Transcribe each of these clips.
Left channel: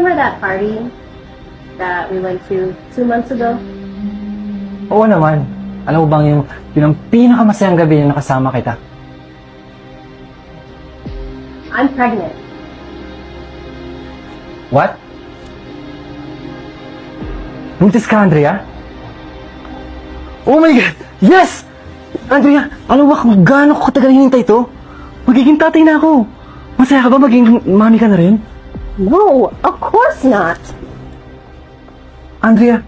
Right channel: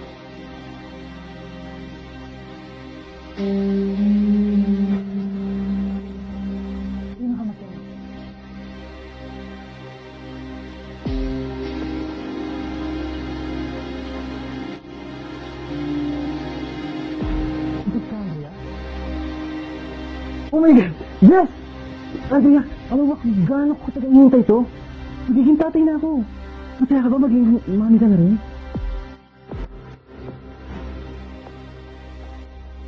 remember that party that we went to 2 months ago? Oo naman. Alam mo bang yun ang pinakamasayang gabi na nakasama kita? I'm pregnant. What? Buntis ka, Andrea? Oh my God! Yes! Andrea, alam mo ba kung gaano ko katagal hinintay ito? Magiging tatay na ako. Masaya ka ba maging mami ka na rin? No, of course not. Andrea,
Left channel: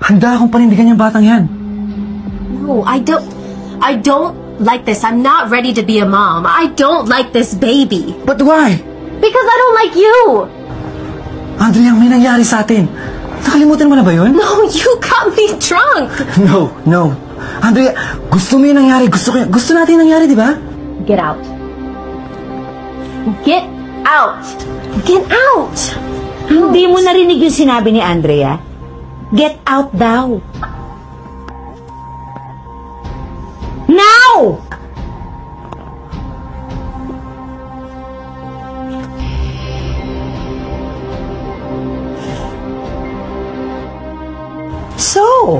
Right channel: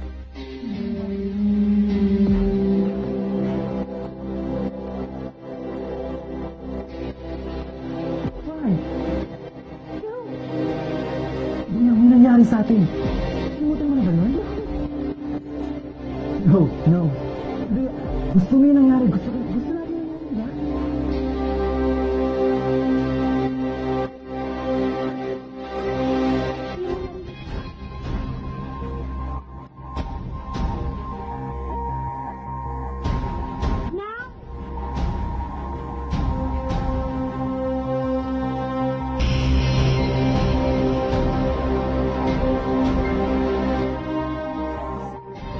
handa akong panindigan yung batang yan. No, I don't like this. I'm not ready to be a mom. I don't like this baby. But why? Because I don't like you. Andrea, may nangyari sa atin. Nakalimutan mo na ba yun? No, you got me drunk. No. Andrea, gusto mo yung nangyari. Gusto natin yung nangyari, di ba? Get out. Get out. Get out. Hindi mo narinig yung sinabi ni Andrea? Get out daw. Now! So,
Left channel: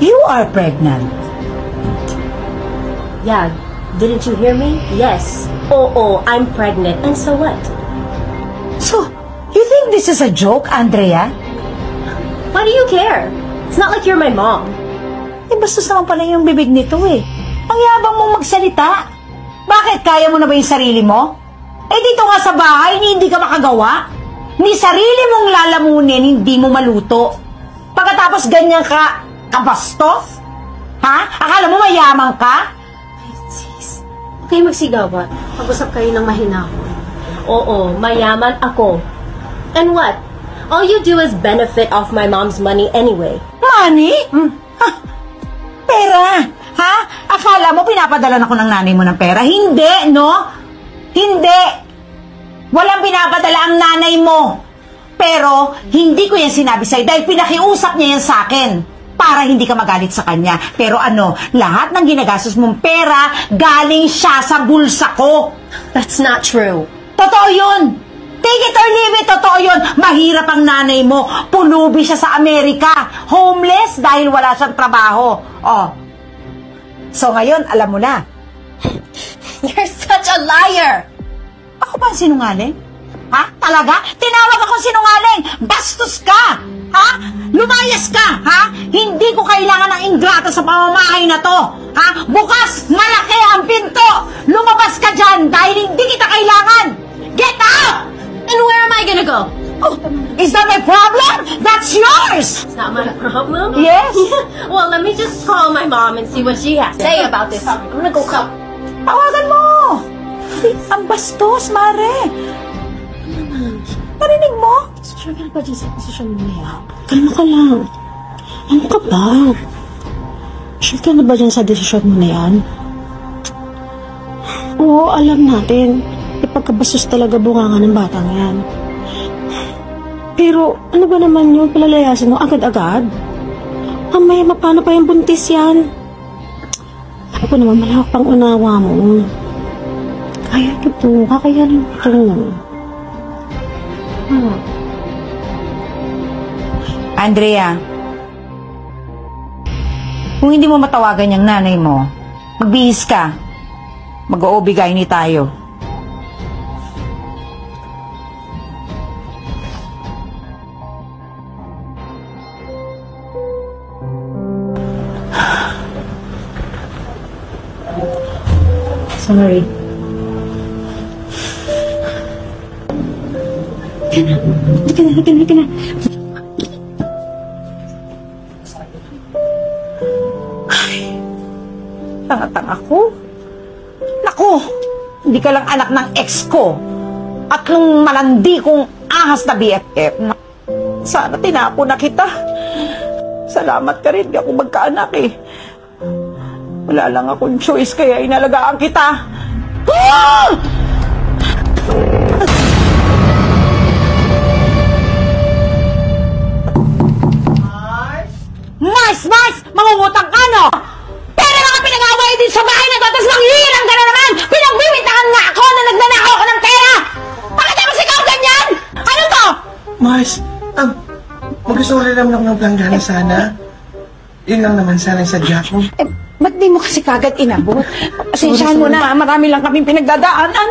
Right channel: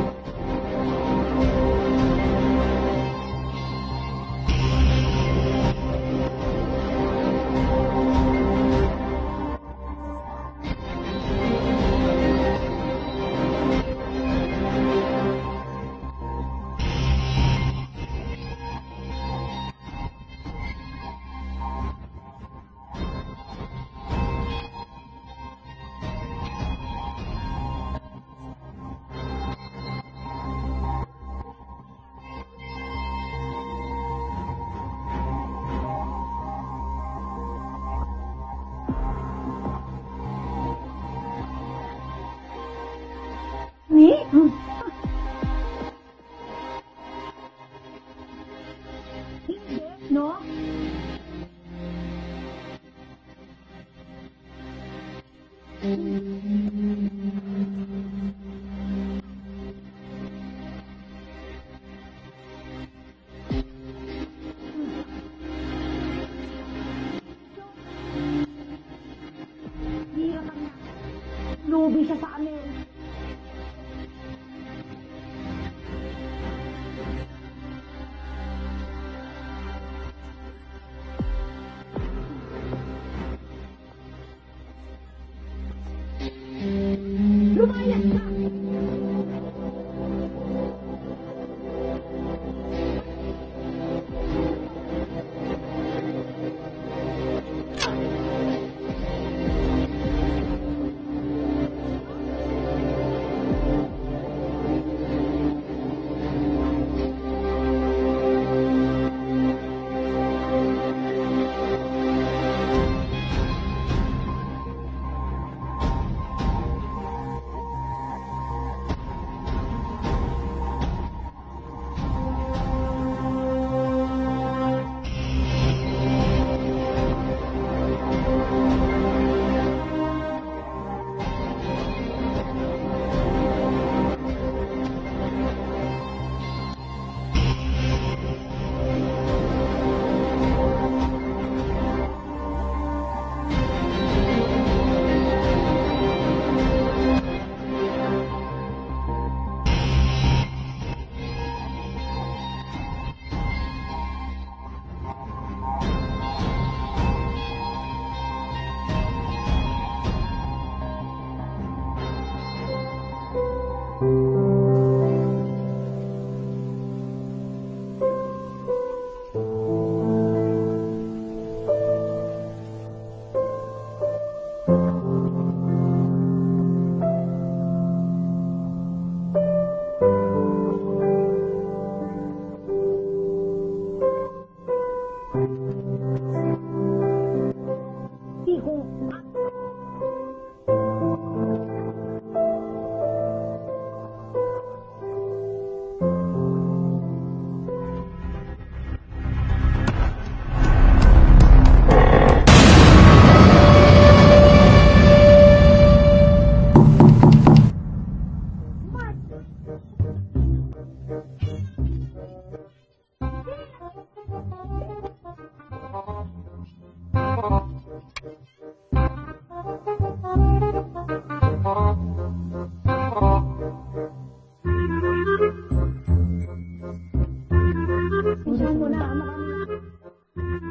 you are pregnant. Yeah, didn't you hear me? Yes. Oh, I'm pregnant. And so what? So, you think this is a joke, Andrea? Why do you care? It's not like you're my mom. Bastos naman pala yung bibig nito eh. Ang yabang mong magsalita. Bakit? Kaya mo na ba yung sarili mo? Dito nga sa bahay, hindi ka makagawa. Ni sarili mong lalamunin, hindi mo maluto. Pagkatapos ganyan ka, kabastos? Ha? Akala mo mayaman ka? Sis, kayo magsigawan. Pag-usap kayo ng mahinahon. Oo, mayaman ako. And what? All you do is benefit off my mom's money anyway. Money? Ha? Pera? Ha? Akala mo pinapadala ako ng nanay mo ng pera? Hindi, no? Hindi. Walang pinapadala ang nanay mo. Pero, hindi ko yan sinabi sa'yo dahil pinakiusap niya yan sa akin para hindi ka magalit sa kanya. Pero lahat ng ginagastos mong pera, galing siya sa bulsa ko. That's not true. Totoo yun. Take it or leave it, totoo yun. Mahirap ang nanay mo. Pulubi siya sa Amerika. Homeless dahil wala siyang trabaho. Oh. So ngayon, alam mo na. You're such a liar! Ako ba ang sinungaling? Ha? Talaga? Tinawag akong sinungaling! Bastos ka! Ha? Lumayas ka! Ha? Hindi ko kailangan ng ingrata sa pamamahay na to! Ha? Bukas! Malaki ang pinto! Lumabas ka dyan dahil hindi kita kailangan! Get out! And where am I gonna go? Oh, is that my problem? That's yours! It's not my problem. Yes? Well, let me just call my mom and see what she has to say about this. I'm gonna go call. Tawagan mo! Ang bastos, Mare! Narinig mo? Sure ka ba dyan sa posisyon mo na yan? Kalma ka lang. Ano ka ba? Sure ka na ba dyan sa desisyon mo na yan? Oo, alam natin. Ipagkabastos talaga bunganga ng batang yan. Pero ano ba naman yung palalayasin mo agad-agad? Mamaya mapano pa yung buntis yan? Ay ko naman malawak pang unawa mo. Kaya ito, kakayanin ito. Andrea, kung hindi mo matawagan yung nanay mo, magbihis ka. Mag-oobigay ni tayo. Sorry. Halika na. Tanga-tanga ko. Naku, hindi ka lang anak ng ex ko. At nung malandi kong ahas na BFF. Sana tinapo na kita. Salamat ka rin, di ako magkaanak eh. Wala lang akong choice kaya inalagaan kita. Ah! Mars! Mangungutang ka, no? Pero mga pinag-away din sa bahay na to, tapos manghihirang ka na naman! Pinagbibintangan nga ako na nagnanakaw ako ng pera! Bakit tapos ikaw ganyan? Ano to? Mars, mag-sorry lang ako ng planggana sana. Yun lang naman sana sa Jack mo. Eh, ba't di mo kasi kagad inabot? Pasensyahan mo na, marami lang kaming pinagdadaanan.